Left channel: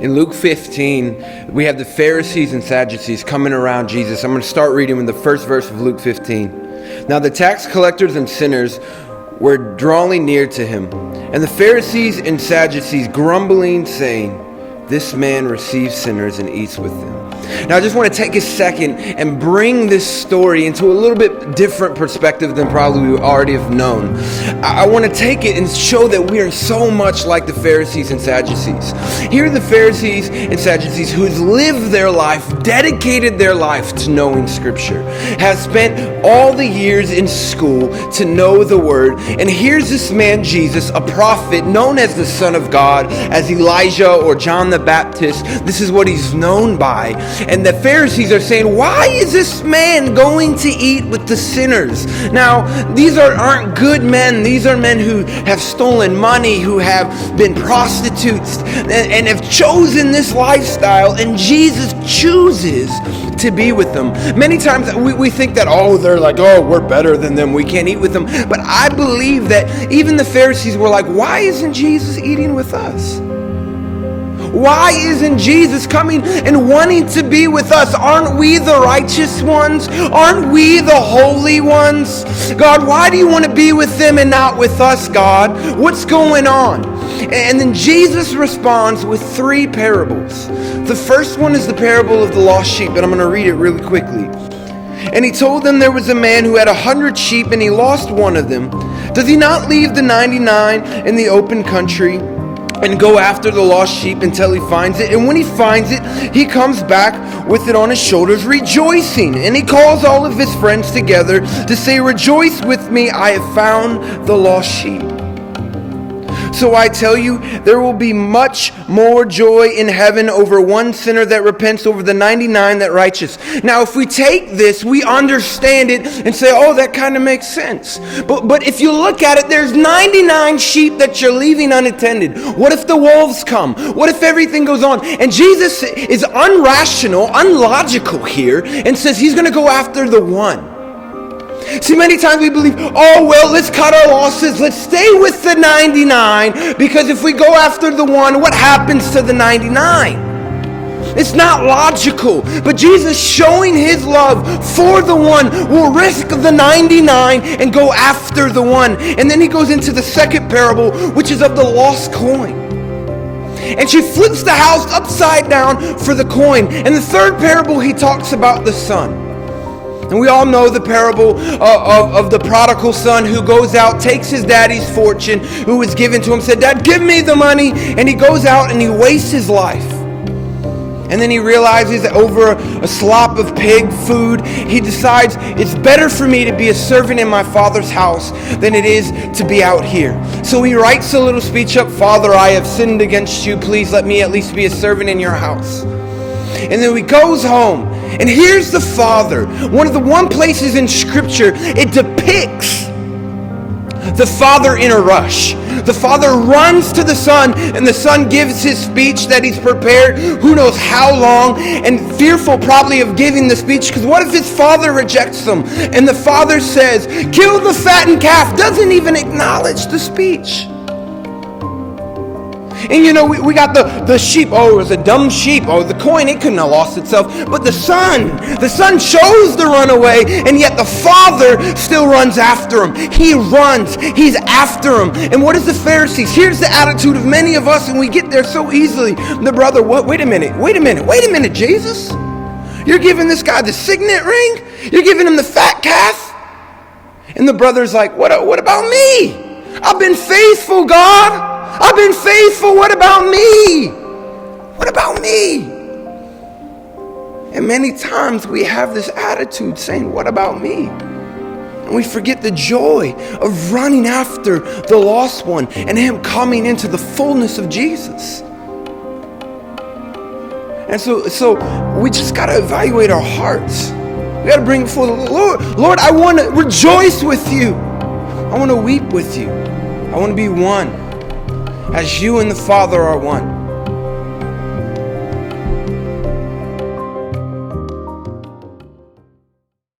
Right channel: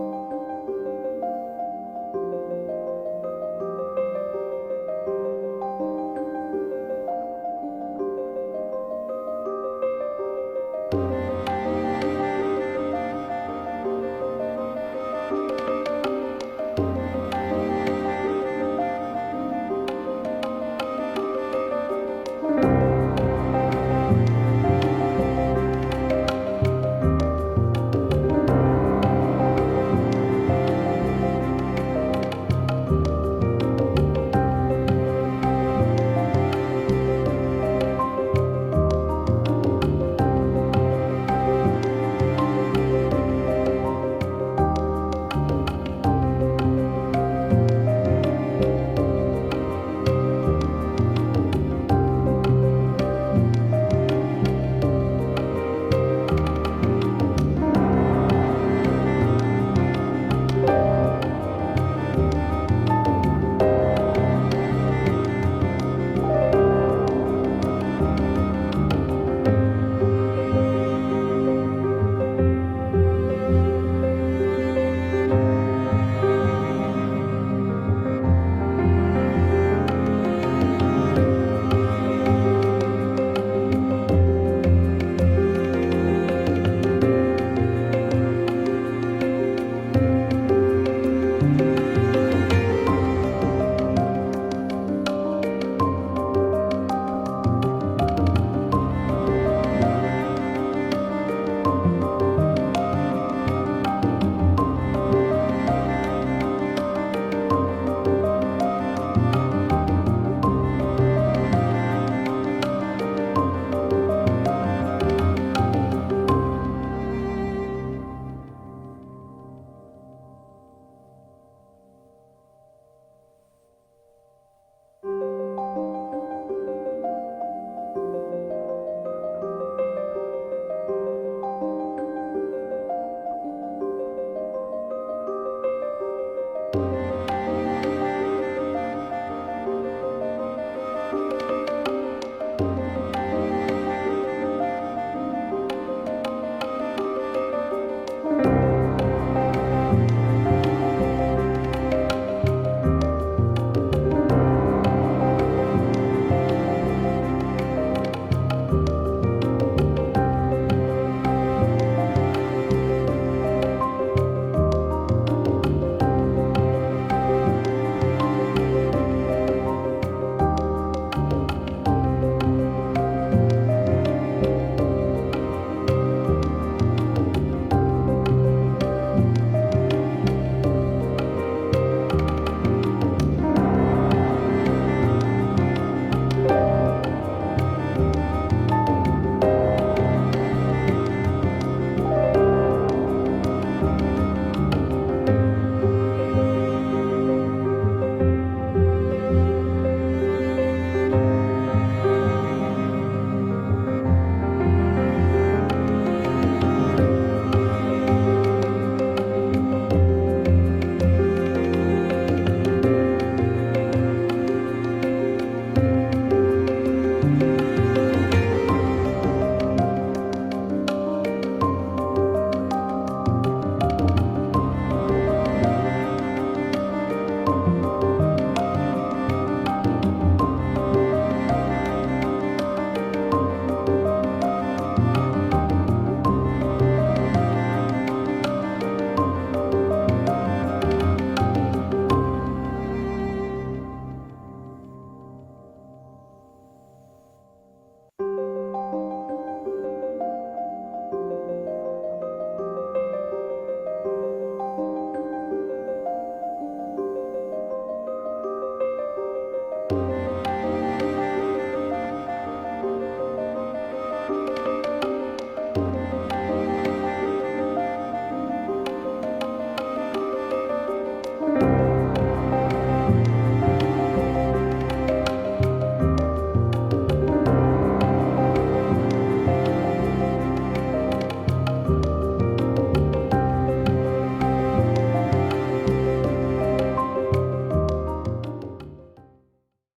In Luke 15, we have the Pharisees and Sadducees coming around Jesus. I'm going to start reading with the first verse of Luke 15. Now the tax collectors and sinners were drawing near to him, and the Pharisees and Sadducees grumbling, saying, "This man receives sinners and eats with them." Now I just want to take a second and bring this story into a little bit different perspective than probably we already have known. I want to take it and show that we are so much like the Pharisees and Sadducees. Here are the Pharisees and Sadducees who has lived their life, dedicated their life to knowing Scripture, has spent all the years in school to know the Word. And here's this man Jesus, a prophet known as the Son of God, as Elijah or John the Baptist. This is what he's known by. And the Pharisees are saying, why is this man going to eat with the sinners? Now, these aren't good men. These are men who have stolen money, who have been prostitutes, and have chosen this lifestyle, and Jesus chooses to be with them. Many times we think that, they're like, we're better than them, we can't eat with them. But I believe that even the Pharisees were like, why isn't Jesus eating with us? Why isn't Jesus coming and wanting to be with us? Aren't we the righteous ones? Aren't we the holy ones? God, why do you want to be with them and not with us, God? What's going on? And then Jesus responds with 3 parables. The first one is the parable of the lost sheep, and I'm going to read it really quickly. And he told them there was a man who had 100 sheep, and he lost one of them. Does he not leave the 99 in the open country and go after the lost sheep until he finds it? And when he finds it, he comes back with it on his shoulders, rejoicing. And he calls all of his friends together to say, "Rejoice with me, I have found the lost sheep." So I tell you, there will be much more joy in heaven over one sinner that repents over the 99 that righteous. Now, if we take this, we understand it and say, that kind of makes sense. But if you look at it, there's 99 sheep that you're leaving unattended. What if the wolves come? What if everything goes on? And Jesus is unrational, unlogical here, and says he's going to go after the one. See, many times we believe, let's cut our losses. Let's stay with the 99, because if we go after the one, what happens to the 99? It's not logical. But Jesus, showing his love for the one, will risk the 99 and go after the one. And then he goes into the second parable, which is of the lost coin. And she flips the house upside down for the coin. And the third parable, he talks about the son. And we all know the parable of the prodigal son who goes out, takes his daddy's fortune, who was given to him, said, "Dad, give me the money." And he goes out and he wastes his life. And then he realizes that over a slop of pig food, he decides it's better for me to be a servant in my father's house than it is to be out here. So he writes a little speech up, "Father, I have sinned against you. Please let me at least be a servant in your house." And then he goes home. And here's the father. One of the one places in Scripture it depicts the father in a rush. The father runs to the son, and the son gives his speech that he's prepared who knows how long, and fearful probably of giving the speech, because what if his father rejects him? And the father says, "Kill the fattened calf," doesn't even acknowledge the speech. And we got the sheep. It was a dumb sheep. The coin, it couldn't have lost itself. But the son chose to run away, and yet the father still runs after him. He runs. He's after him. And what is the Pharisees? Here's the attitude of many of us, and we get there so easily. The brother, what? Wait a minute, Jesus? You're giving this guy the signet ring? You're giving him the fat calf? And the brother's like, what about me? I've been faithful, God. I've been faithful. What about me? What about me? And many times we have this attitude saying, what about me? And we forget the joy of running after the lost one and him coming into the fullness of Jesus. And so we just got to evaluate our hearts. We got to bring it before the Lord. Lord, I want to rejoice with you. I want to weep with you. I want to be one. As you and the Father are one.